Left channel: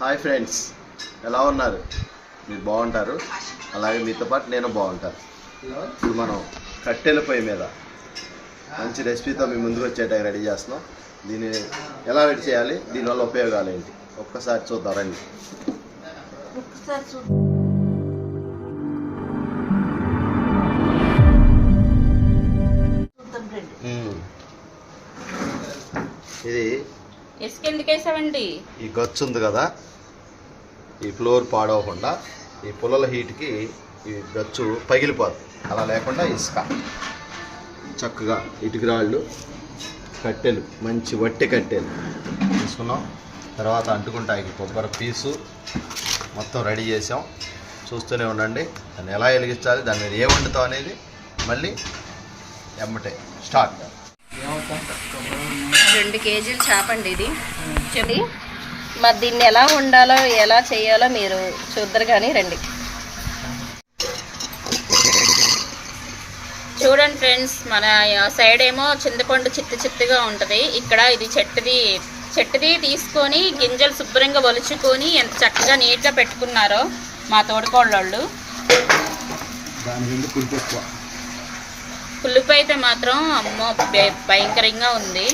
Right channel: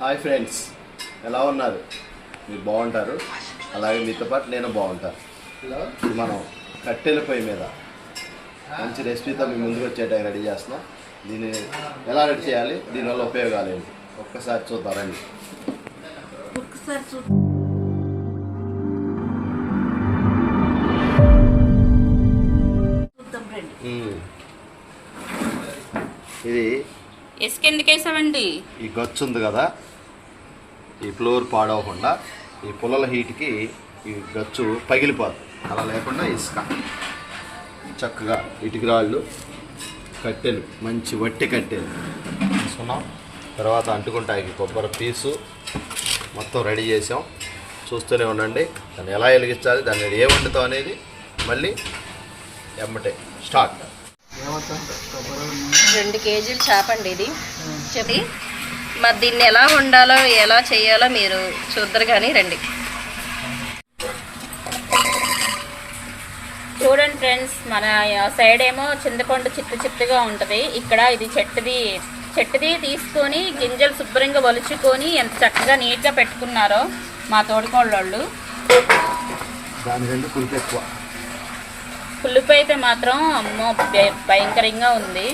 Hi friends, ఎలా ఉన్నారు? మీరు బాగుంటారు, అలాగే మీతో పాటు నేను బాగుంటాను. ఇప్పుడు మనం కట్టెల పొయ్యి మీద మంచి రెసిపీతో మీ ముందుకు వచ్చేటట్టు రెడీ చేస్తున్నాం. దీన్ని ఎలా రెడీ చేయాలి, దీనివల్ల ఉపయోగాలు ఏంటి ఒక్కసారి చూద్దాం రండి. ఇది ఎందుకు వేసామండి? ఈ గచ్చు ఉంది కదా, ఈ ఫ్లోర్ పాడవకుండా ఈ పుల్లల హీట్కి ఈ గచ్చు పగిలిపోద్ది. అలా లేకుండా ఇసుక చక్కగా ఇటుక రాళ్ళు కట్టెలు, మంచి వట్టి కట్టెలు తీసుకున్నాం. తర్వాత అంటుకుంటాయి కొబ్బరి పీసు మొత్తం రెడీ చేసాం. చూస్తూనే ఉండండి. దాన్ని ఎలా వెలిగించాలి, దాని మీద ఏ వండుతాం అనేది మళ్ళీ ఎమ్మటే స్టార్ట్. 2 కేజీలు చేపండి ఇది. చెప్పి మరి దీన్ని ఎలా వండాలో ఎలా చేయాలో మీరు చూద్దరు కానీ రండి. చూడండి ఫ్రెండ్స్, మన సైడ్ ఏమో చింతపండు చిత్తుగా ఉంటుంది. ఇక్కడ ఇది చెట్టుది తీసుకొని గింజలు శుభ్రంగా ఒలుచుకొని ఎంత చక్కగా నీట్గా పెట్టుకున్నారో మా తోడుకోళ్ళోళ్ళు. పులుపు అయితే మాత్రం అమ్మో భయంకరంగా ఉంది.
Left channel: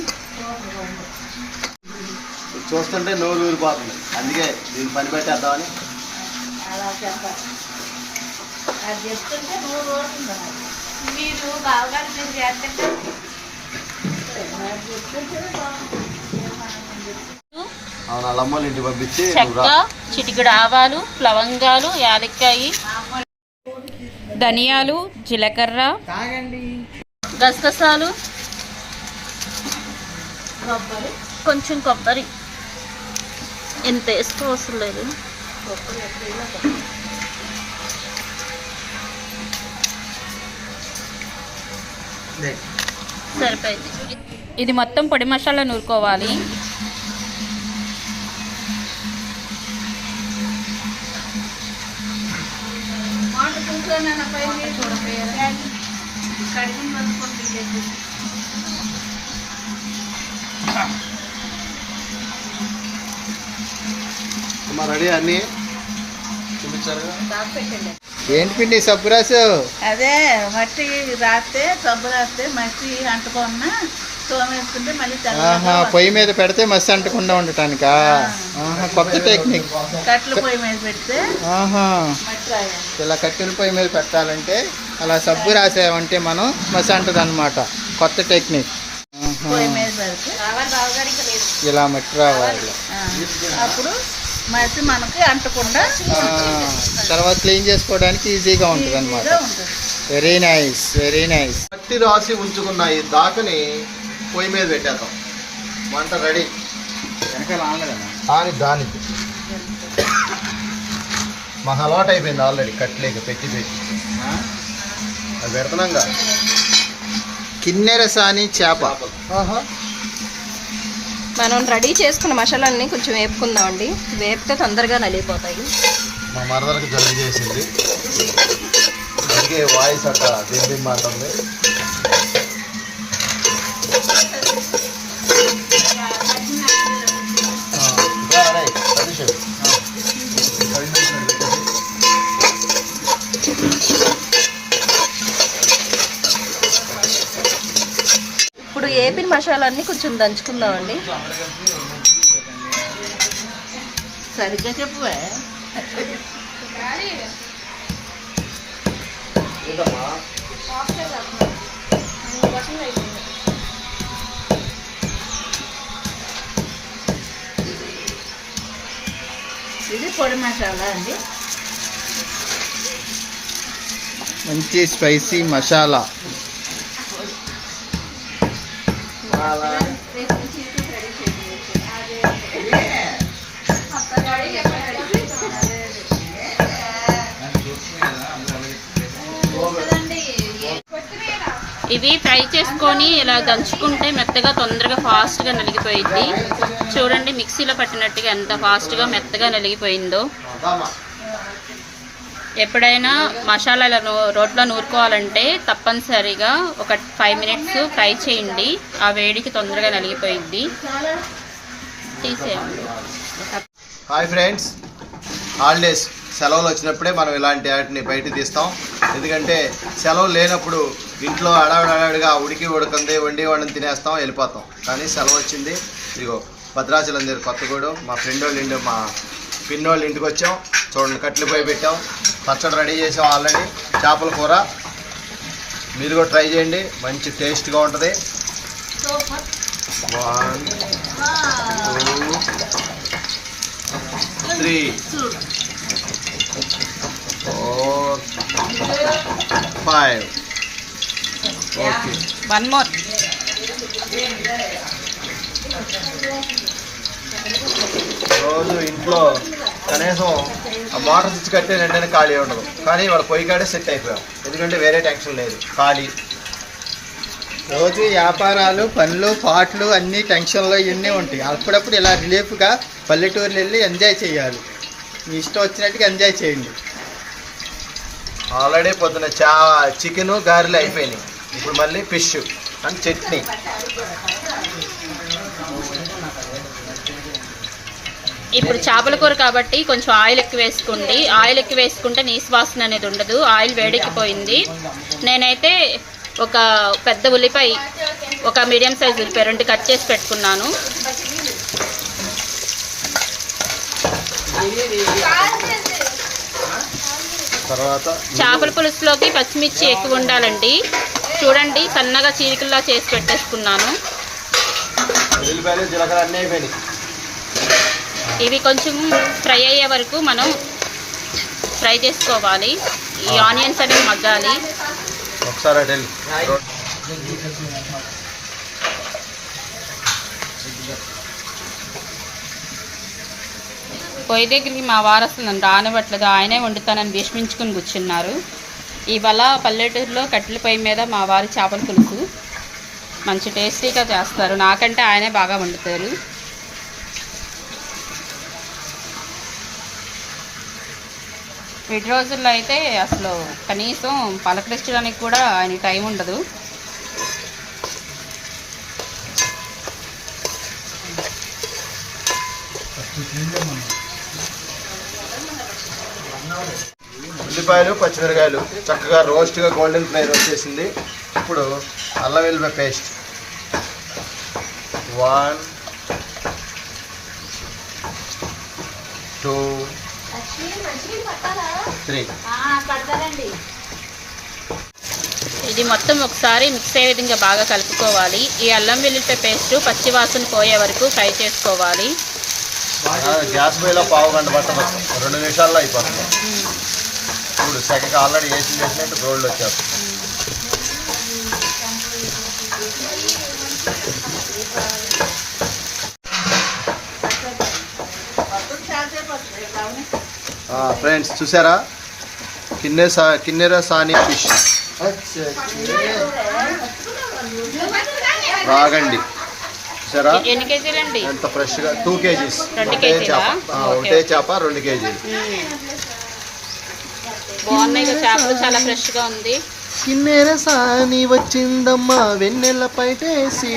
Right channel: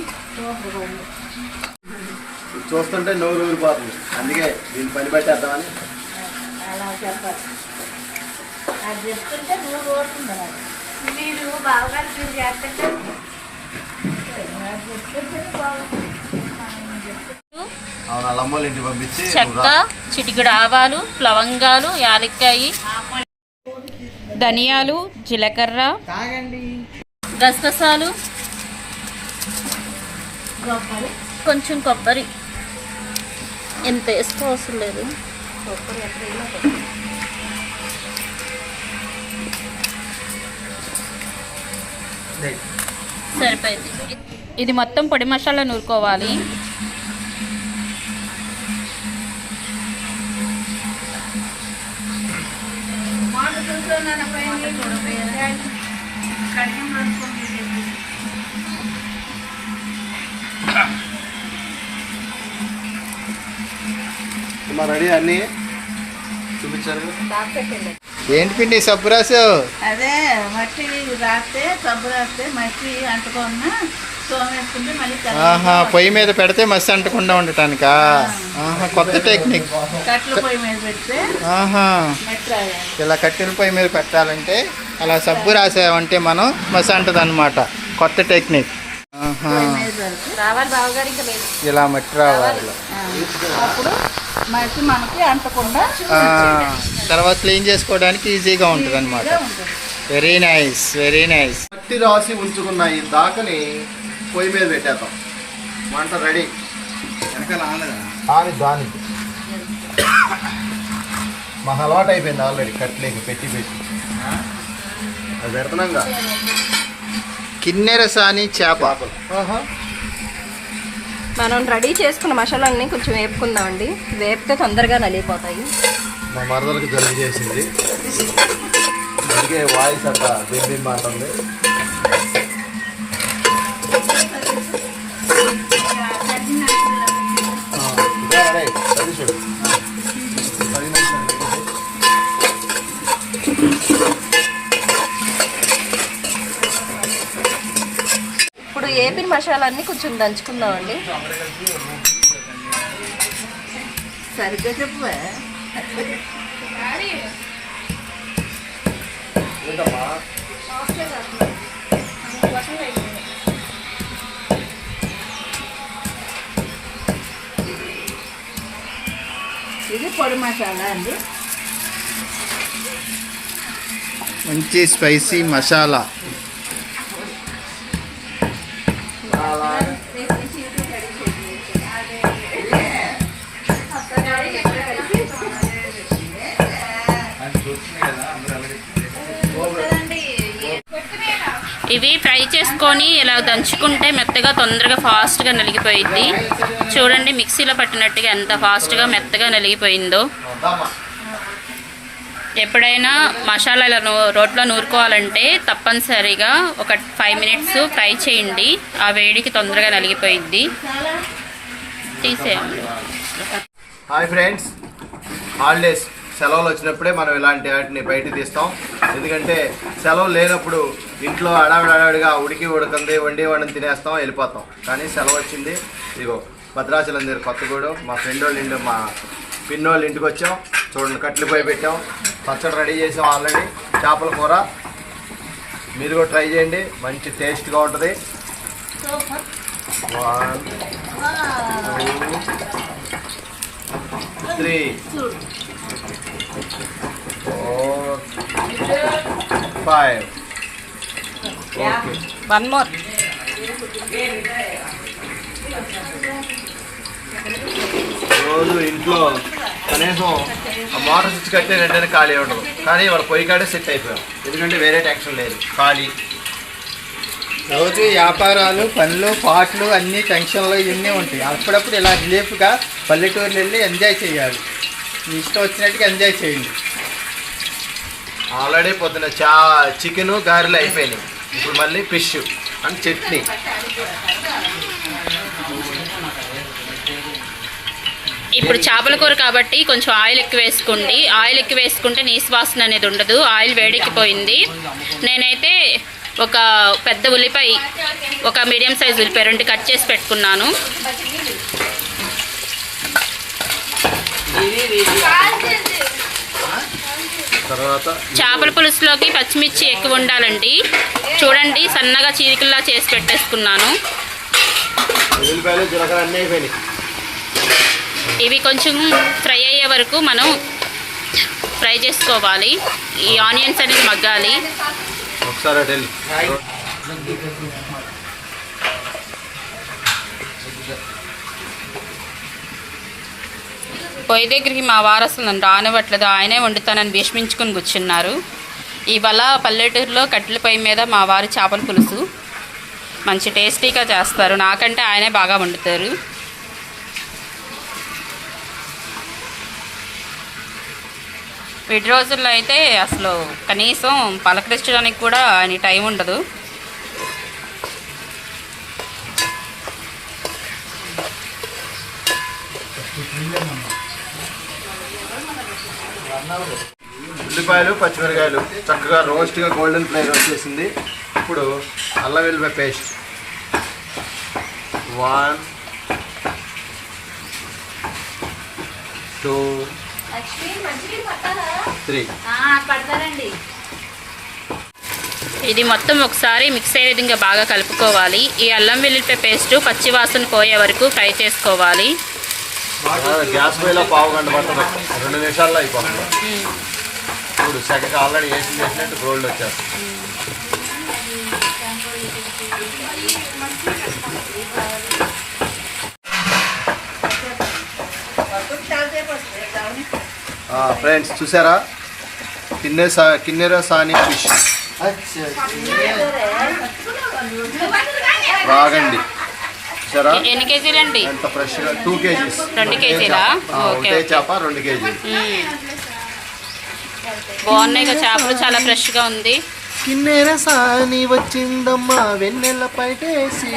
చూస్తుంటే నోరు ఊరిపోతుంది, అందుకే దీన్ని పని పెట్టేద్దామని. అవును, వాళ్ళ అమ్మోళ్ళ ఇంటికి పంపించి చెక్క, చిటికెడు ఆవాలు, లవంగాలు, యాలక్కాయి, ధనియాలు, జీలకర్ర, గసగసాలు, కొంచెం కొబ్బరి. ఎంత వేసుకోవసరం లేదు. సరిపోయింది. ఇది మొత్తం పొడి మసాలా నూరుకోవాలి. రెడీ అన్నీ చూపించారు. ఏంటి పిండి సబ్బు రాసావు? అదే మట్టి రాస్తే సబ్బు రాస్తే మట్టి అంటుకున్నా సోమేసుకుంటే మళ్ళీ పొయ్యి మీద పెడితే మసి అంటకుండా ఉండటానికా? కొత్త టెక్నిక్. కట్టెల పొయ్యి మీద పెడితే ఇలా కట్టిన పొయ్యి మీద పెట్టాలంటే అలా సబ్బు రాసామంటే మనం మసి అంటది అనమాట. కొత్త టెక్నిక్. ఇలా మట్టి రావాలి. అప్పుడు మట్టి మనకి అంటకుండా తర్వాత క్లీన్ చేసుకోవడానికి ఈజీగా ఉంటుంది అనమాట. Very nice, very nice. మట్టి రాసి ఉంచుకున్న ఈ దాకని పొయ్యి మీద పెట్టేద్దాం. వంట రెడీ. దానికి మాకు అలవాటు అయిపోయింది ఆల్రెడీ. కట్లేక పెట్టి అది పెడుతున్నాంగా. కిన్నెర సాని చేప. మనం రెడీ చేసుకున్న మసాలాన్ని కొంచెం వేపుకుందామండి. వేపితే తొందరగా నలిగిపోతాయి. మా మరదలకు జలుబు చేసింది, అందుకే వాయిస్ అట్లా దిండి మాట్లాడి. ఇప్పుడు ఏపిన మసాలాన్ని కొంచెం దంచుకుందామండి. సరిగ్గా చెప్పు. ఇది పొడి మసాలా అండి. మంచి స్పైసీ మసాలా. ఇవి ఫ్రై చేసుకొని ఇలా దంచుకుంటే మెత్తగా తొందరగా ఫాస్ట్గా నలిగిపోయింది. చూడండి మిక్సీలో పట్టినట్టుగా ఎంత ఫాస్ట్గా మెత్తగా నలిగిపోయిందో. ఎప్పుడైనా మసాలా రోట్లో నూరుకోవాలంటే తప్పనిసరిగా ఒక 5 మినిట్స్ ఫ్రై చేయండి. ఆ వేడికి తొందరగా నలిగిపోయిద్ది. తీసేయండి. హాయ్ ఫ్రెండ్స్, హాలిడేస్ సెలవులు వచ్చినప్పుడే మనం ఇలాంటి వాటిని బయట తీస్తాం. ఎందుకంటే సెలవు లేనప్పుడు ఇంట్లో అడావిడిగా ఉడికంది వండి తినేస్తాం, వెళ్ళిపోతాం. కానీ సెలవు వచ్చింది, ఇదిగో భద్రాచలం దగ్గర కొత్తగూడెం మా ఫ్రెండ్ వాళ్ళ ఇంటి మా పిన్ని వాళ్ళ ఇంటికి వచ్చాం. చూడండి, కట్లు పోయి పెట్టాం, పచ్చడి రెడీ చేసాం ఆల్రెడీ. చేపల కూర మీరు కూడా ట్రై చేయండి, మంచి టేస్ట్గా ఉంటుంది. 1 2 3 4 5. Okay, 1 more. రోజు ఇంట్లో కనీసం ఆ మోటార్ స్విచ్ కట్టే వెంటనే ఖాళీ ఉండదు. కానీ వాడు పొయ్యి కాడే సెట్ అయిపోయాం, ఎందుకంటే వేరే టెన్షన్ లేదు, ఖాళీ. రోజు వ్యాపారాలు, పనులు, పాటలు అన్నీ టెన్షన్లు ఇవన్నీ ఉంటాయి. అప్పుడప్పుడు ఇలా రిలీఫ్గా పల్లెటూరులు వెళ్ళి ఎంజాయ్ చేయాలి. మీ ఇష్టం వచ్చినట్టుగా ఎంజాయ్ చేయండి. ఆల్రెడీ పొద్దున చికెను గారెలు అయిపోయినాయి, ఇప్పుడు మళ్ళీ ఫిష్ అండ్ చట్నీ. ఇప్పుడు చేపల కూర కాబట్టి కొంచెం ఆయిల్ ఎక్కువ వేసుకోండి. ఆయిల్ ఎక్కువ వేసుకుంటే నీసు వాసన అనేది ఉండదు. ఆయిల్ వేడెక్కిపోయింది. నేనైతే ఒక పెద్ద ఉల్లిపాయ, ఒక మీడియం సైజ్ ఉల్లిపాయ 2 కట్ చేసి పెట్టుకున్నాను. తర్వాత చేపల పులుసులోకి పచ్చిమిర్చి ఎక్కువ ఉండాలండి. చూడండి, సన్నగా చీరికల్లా చేసి పెట్టేసుకున్నాను. ఉల్లిపాయలు జీలకర్ర అన్నీ అయిపోయినాయి. ఇవి కొంచెం ఫ్రై అయ్యే వరకు మనం ఫ్రై చేసుకోవాలి. ఈ ఆనియన్స్ అనేది మగ్గాలి. ఒకసారి అటు వెళ్ళి పొయ్యి దగ్గరికి మా వారు అసలు నన్ను రానివ్వట్లేదు, ఆయనే వండుతానని భీష్మించుకుని కూర్చున్నారు. ఇవాళ పల్లెటూరులో కట్టెల పొయ్యి మీద మా వారు చేపల పులుసు మంచి టేస్టీగా చేస్తారు. నాకంటే ఆయనే బాగా వండుతారు. వీటి రోజుల్లో అయితే అసలు కనీసం పలకరించడానికి కూడా ఆయన టైం ఉండదు. ఉల్లిపాయలు, పచ్చిమిరకాయలు చక్కగా రోస్ట్గా గోల్డెన్ ఫ్రై వచ్చేసింది. ఇప్పుడు అల్లం వెల్లిపాయ పేస్ట్ 1 2 3. ఇది మొత్తం ఒకసారి మిక్స్ అయ్యే విధంగా బాగా కలుపుకోవాలి. ఈ అల్లం వెల్లుల్లిపాయ పేస్ట్ పచ్చి వాసన పోయే వరకు ఫ్రై చేసుకోవాలి. గ్యాస్ పొయ్యిలో పావు గంట పడుతుంది, 2 నిమిషాల్లో అయిపోతుంది. ఇప్పుడు సెకండ్ ఆల్రెడీ వేసి చేసినట్టు గోల్డ్ వచ్చేస్తుంది. ఫ్రెండ్స్ చూసారా, కిన్నెర సాని ఫిష్ రాగండి. చూసారా ఎన్ని కేజీలండి? ఎంత ఫ్రెష్గా 2 kgs. 2 కేజీలా? ఒకటే చేప 2 kg. బాగున్నాయి కదా చేపలు, చాలా ఫ్రెష్గా ఉంది. కిన్నెర సాని వచ్చిందమ్మా వెన్నెల పైటేసి.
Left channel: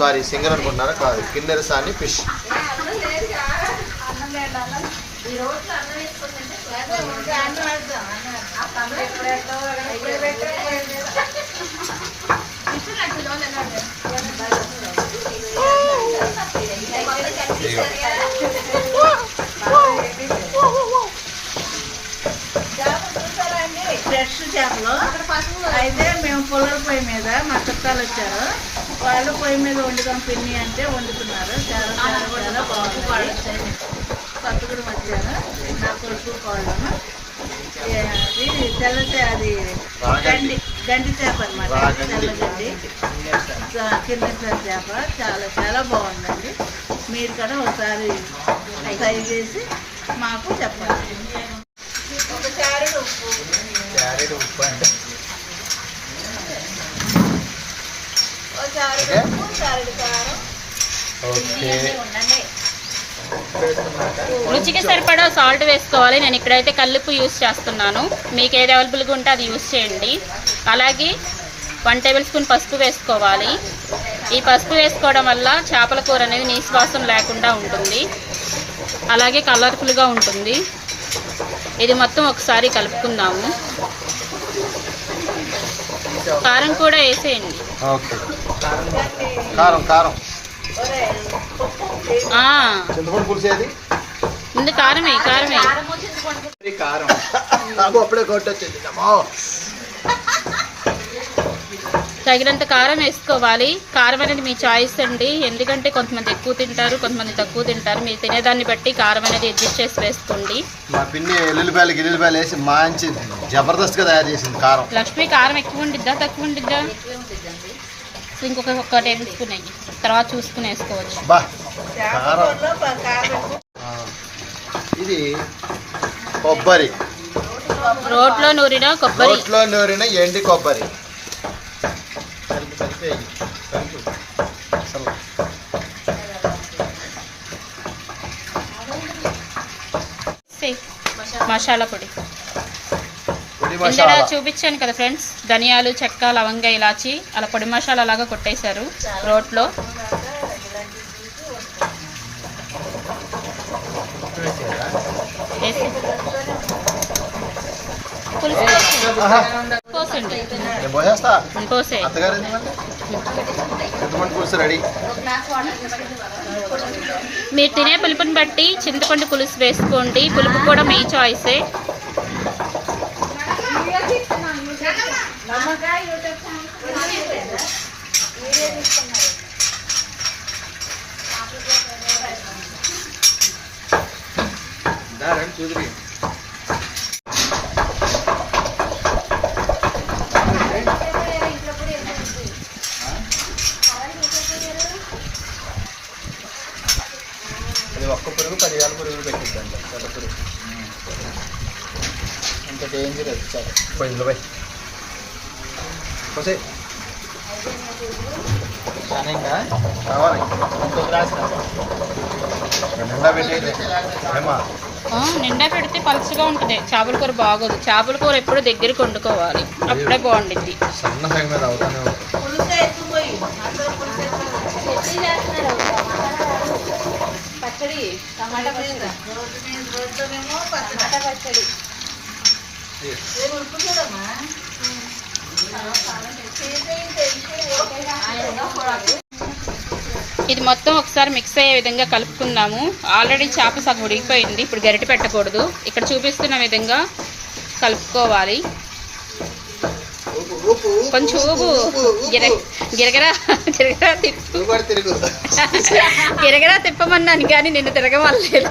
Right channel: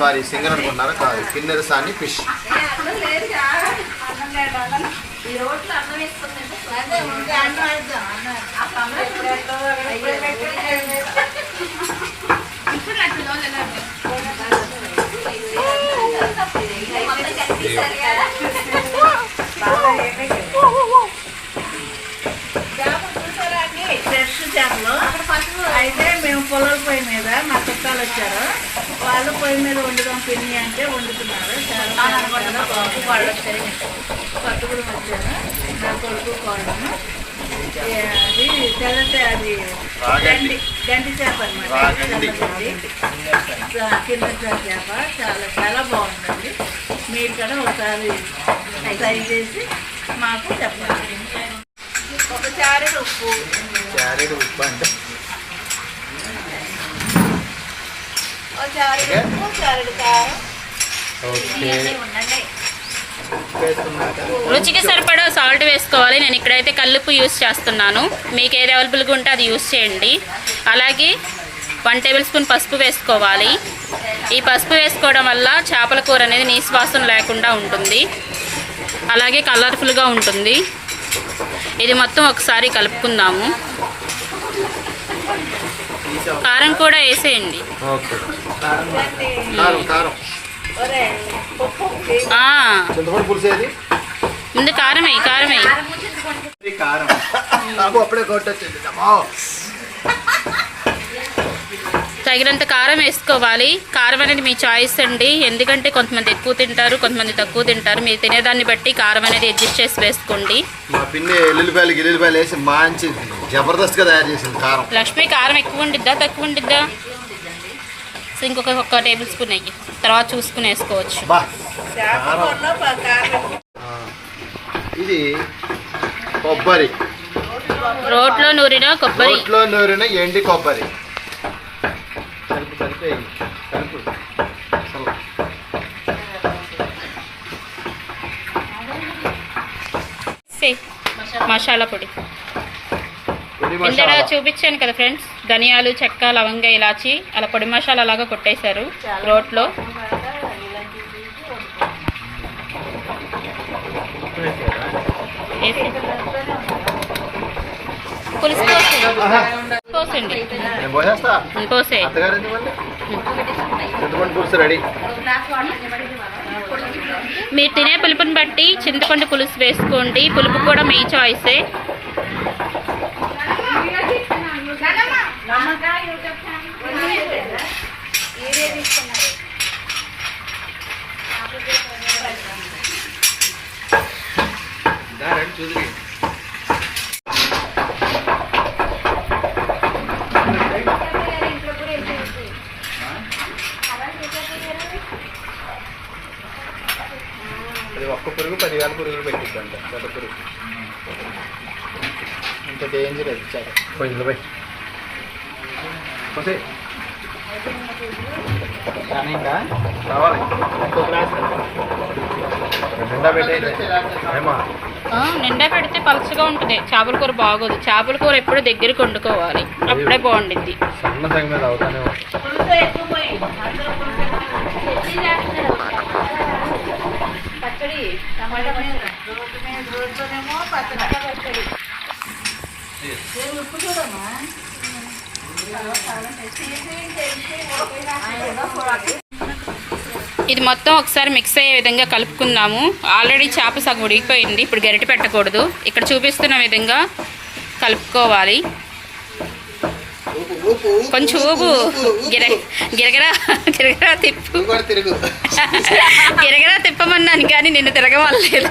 సారీ సింగర్ అనుకున్నారా? కాదు, కిన్నెర సాని ఫిష్. ఫ్రెష్ చేపలు అయితే మేము పొలం పొయ్యి మీద మా చుట్టాలు వచ్చారు, వాళ్ళు పొయ్యి మీద వండుదాం పిన్ని అంటే వండుతున్నారు. చాలా బాగుంది. కొత్తగూడెం వచ్చాను, నా కొడుకు కోళ్ళము. అది తెల్లతే, అది గండి చేప అన్నమాట. కింద చేప చాలా బాగుందండి. మీరు కూడా ఒకసారి ట్రై చేసి మాకు చెప్పండి. ఒక చారెడు ఉప్పు అంటే చారెడు కారం. రుచికి సరిపడా సాల్ట్ వేసుకోవాలి. నేను ఇక్కడైతే కల్లుప్పు యూస్ చేస్తున్నాను, మీకు ఏది అవైలబుల్గా ఉంటే అది యూస్ చేయండి. అలాగే 1 టేబుల్ స్పూన్ పసుపు వేసుకోవాలి. ఈ పసుపు వేసుకోవడం వల్ల చేపల కూర అనేది నీసు వాసన లేకుండా ఉంటుంది. అలాగే కలర్ఫుల్గా ఉంటుంది. ఇది మొత్తం ఒకసారి కలుపుకుందాము. కారం కూడా వేసేయండి. ఓకే, కారం కారం చింతపండు పులుసు ఏది? ముందు కారం వేయి, కారం వేయి. కారం అప్పుడే కొట్టొచ్చింది. తగినంత కారం వేసుకోవాలి. కారం అనేది మీ చాయిస్ అండి, ఎందుకంటే కొంతమంది ఎక్కువ తింటారు, కొంతమంది తక్కువ తింటారు. మీరు తినేదాన్ని బట్టి కారం అనేది అడ్జస్ట్ చేసి వేసుకోండి. మా పిన్ని ఎల్లుల్లిపాయలు వేసి మంచి జబర్దస్త్గా తయారు చేసింది కారం. లక్ష్మి కారం ఎక్కువ ఉండిద్దా తక్కువ ఉండిద్దా? సో ఇంకొక టేబుల్ స్పూన్ అయ్యి తర్వాత చూసుకుని వేసుకోవచ్చు. బా కారం. ఇది కొబ్బరి, రోట్లో నూరిన కొబ్బరి, రోట్లో నూరిన ఎండి కొబ్బరి. మసాలా పొడి ఇందులో చూపించాను కదా ఫ్రెండ్స్, ధనియాలు, చెక్క, లవంగ, ఇలాచి అలా పొడి మసాలా లాగా కొట్టేశారు రోట్లో. పులుసు పోసండి, పోసే. పులుసు రెడీ. మీరు తినే పులుపుని బట్టి చింతపండు పులుసు వేసుకోండి. పులుపు కూడా మీ చాయిసే. చూద్దాం. అది ఒక్క పురుగు 10,000 పురుగులు పెట్టిద్దంట. పెద్ద పురుగు అంత డేంజర్ వచ్చారు. పోయింది పోయి ఇంకా కావాలి. ఇంకో గ్లాస్ నిండా పెట్టేది ఏమా? నిండా పెడితే పలుచగా ఉంటుంది. చేపల కూర బాగోదు. చేపల కూర ఎప్పుడు దగ్గరికి వండుకోవాలి, అప్పుడే బాగుండిద్ది. సన్న సగం మీద అవుతానే ఉంటుంది. పచ్చడి టమాటా రోడ్లోనేమో పచ్చడి. ఉప్పు చూడమ్మా. ఇది మొత్తం ఒకసారి మిక్స్ అయ్యే విధంగా కలుపుకుందాము. ఆల్రెడీ చేప సగం ఉడికిపోయింది, ఇప్పుడు గరిటె పెట్టకూడదు. ఇక్కడ చూపిస్తున్న విధంగా కలుపుకోవాలి. కొంచెం ఊపు, గిరగిరా గిరగిరా తిప్పు. గిరగిరా తిప్పమన్నాను కానీ నిన్ను తిరగమలేదు.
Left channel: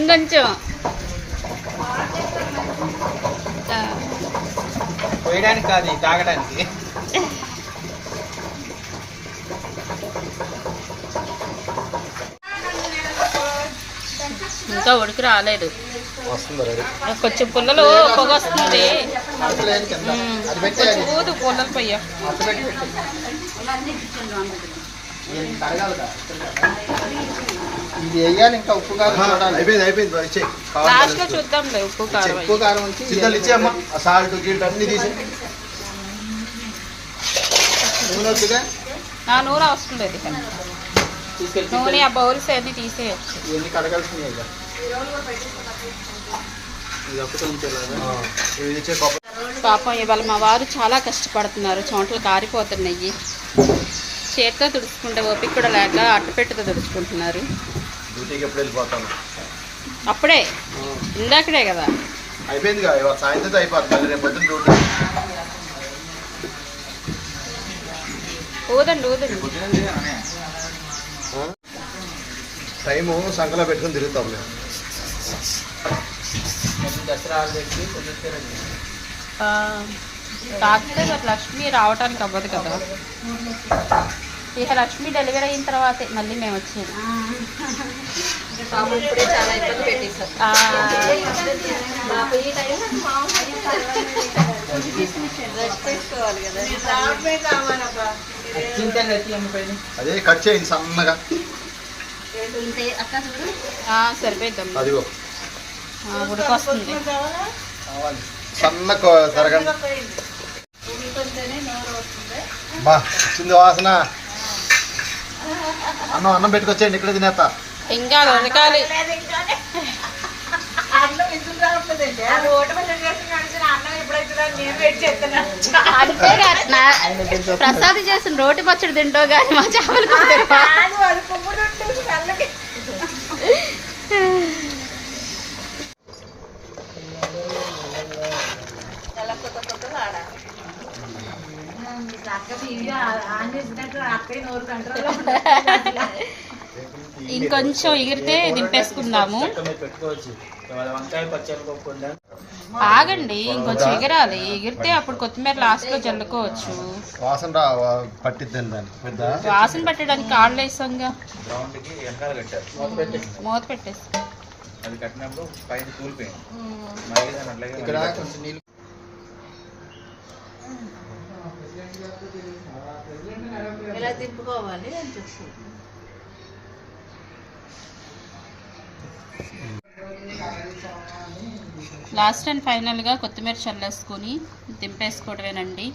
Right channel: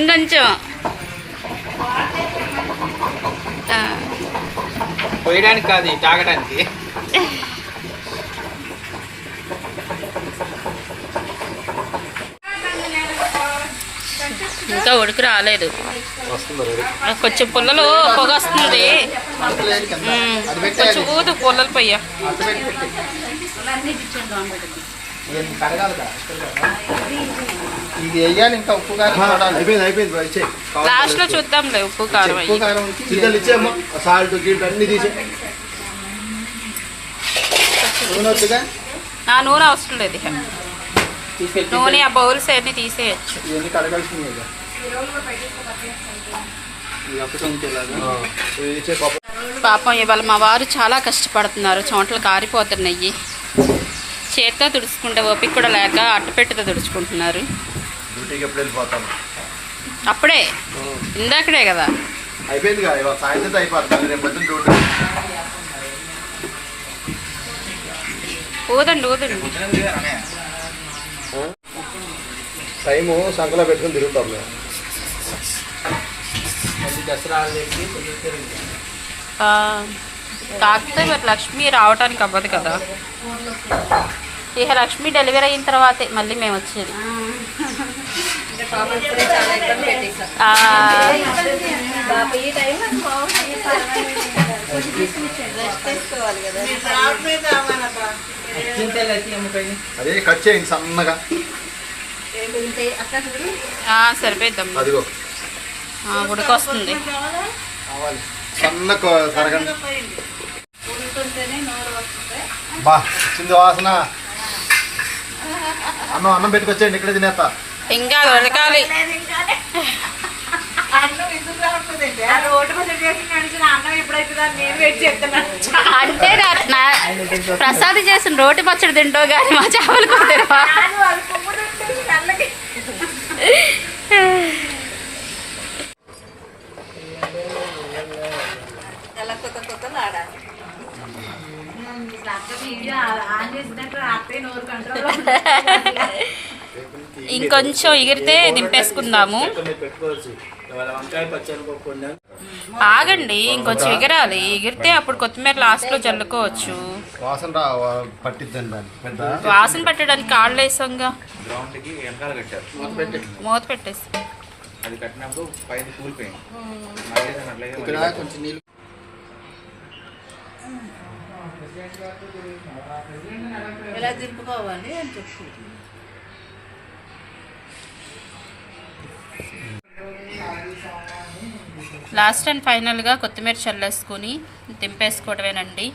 ఇంకొంచెం పోయడానికి కాదు, తాగడానికి. ఇంకా ఉడికి రాలేదు, కొంచెం పుల్లలు పొగ వస్తుంది. కొంచెం ఊదు పుల్లలు పొయ్య. ఇది వేయాలి. ఇంకా ఉప్పు కారం అయిపోయింది. లాస్ట్ లో చూద్దాంలే ఉప్పు కారం. చికెన్ ఇచ్చేమ్మా, సాల్ట్ గిల్ట్ అన్ని తీసి. నూనె వద్దుగా? నూనె అవసరం లేదు. నూనె ఆ బౌల్స్ అన్ని తీసేయచ్చు. ఇవన్నీ కడగాల్సిందే. పాపం ఇవాళ మా వారు చాలా కష్టపడుతున్నారు, చోట్ల కారిపోతున్నాయి. చేతితో తుడుచుకుంటే ఓపిక కూడా లేక అట్టపెట్టుతో తుడుచుకుంటున్నారు. అప్పుడే ఇందాకడే కదా అయిపోయింది. సాయంత్రం అయిపోతుంది. రేపు పొద్దున్న డ్యూటీ. ఊదండి ఊదండి. టైము సంకలో పెట్టుకుని తిరుగుతాం మేము. కాకపోతే మరి లక్ష్మి రావటానికి అవ్వదు కదా. ఇక లక్ష్మి డెలివరీ అయిన తర్వాతే మళ్ళీ మేము వచ్చేది. అదే కట్ చేయండి సన్నగా. సరిపోద్దాం, అదిగో ఉడికొస్తుంది. సన్న తరగండి. బా వచ్చింది వాసన. అన్నం పెట్టుకొచ్చేయండి, ఇక్కడ తినేస్తా. ఇంకా ఉడకాలి. అంటే ప్రసాద్ చేసిన రోటి పచ్చడి తింటావు కానీ మా చేపలు కుదరవా? ఇంకొంచెం ఎగిరితే దింపేసుకుందాము. ఆగండి, ఇంకొంచెం ఎగరాలి. ఎగిరితే అప్పుడు కొత్తిమీర లాస్ట్లో చల్లుకోవచ్చు. వాసన పెట్టడానికి కాళ్ళు వేసాంగా, మూత పెట్టేసి. ఎలా దింపుకోవాలి అని చెప్పు. లాస్ట్ అండ్ ఫైనల్గా కొత్తిమీర చల్లేసుకొని దింపేసుకోవడమేనండి.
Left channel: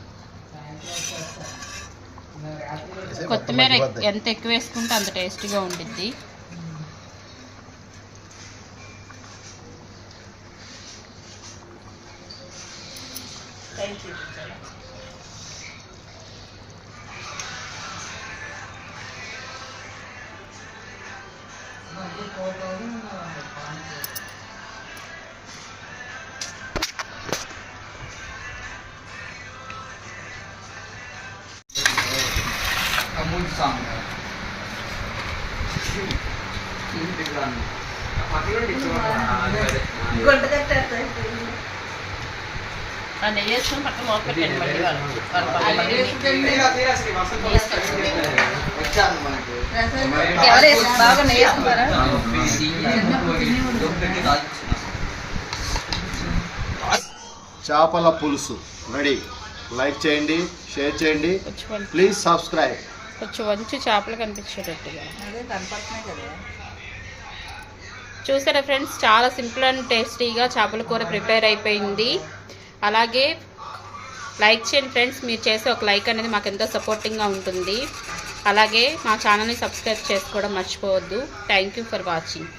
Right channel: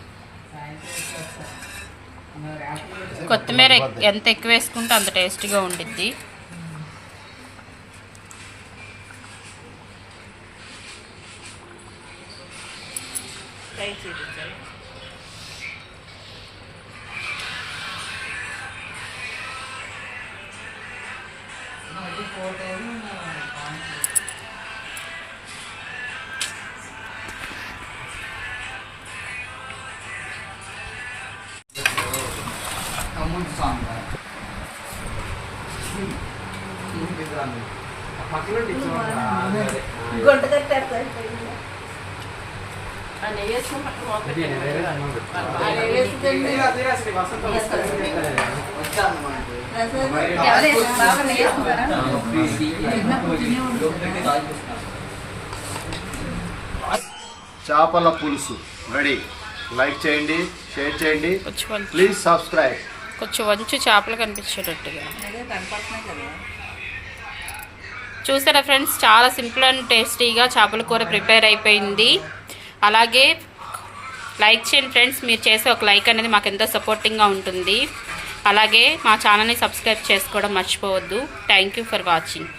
కొత్తిమీర ఎంత ఎక్కువ వేసుకుంటే అంత టేస్టీగా ఉండిద్ది. చేపల పులుసు రెడీ. లైక్ చేయండి, షేర్ చేయండి, ప్లీజ్ సబ్స్క్రైబ్. కొంచెం వంచు చేపలు కనిపించేటట్టుగా. చూసారా ఫ్రెండ్స్, చాలా సింపుల్ అండ్ టేస్టీగా చేపల కూర ప్రిపేర్ అయిపోయింది. అలాగే లైక్ చేయండి ఫ్రెండ్స్. మీరు చేసే ఒక లైక్ అనేది మాకు ఎంతో సపోర్టింగ్గా ఉంటుంది. అలాగే మా ఛానల్ని సబ్స్క్రైబ్ చేసుకోవడం మర్చిపోవద్దు. Thank you for watching.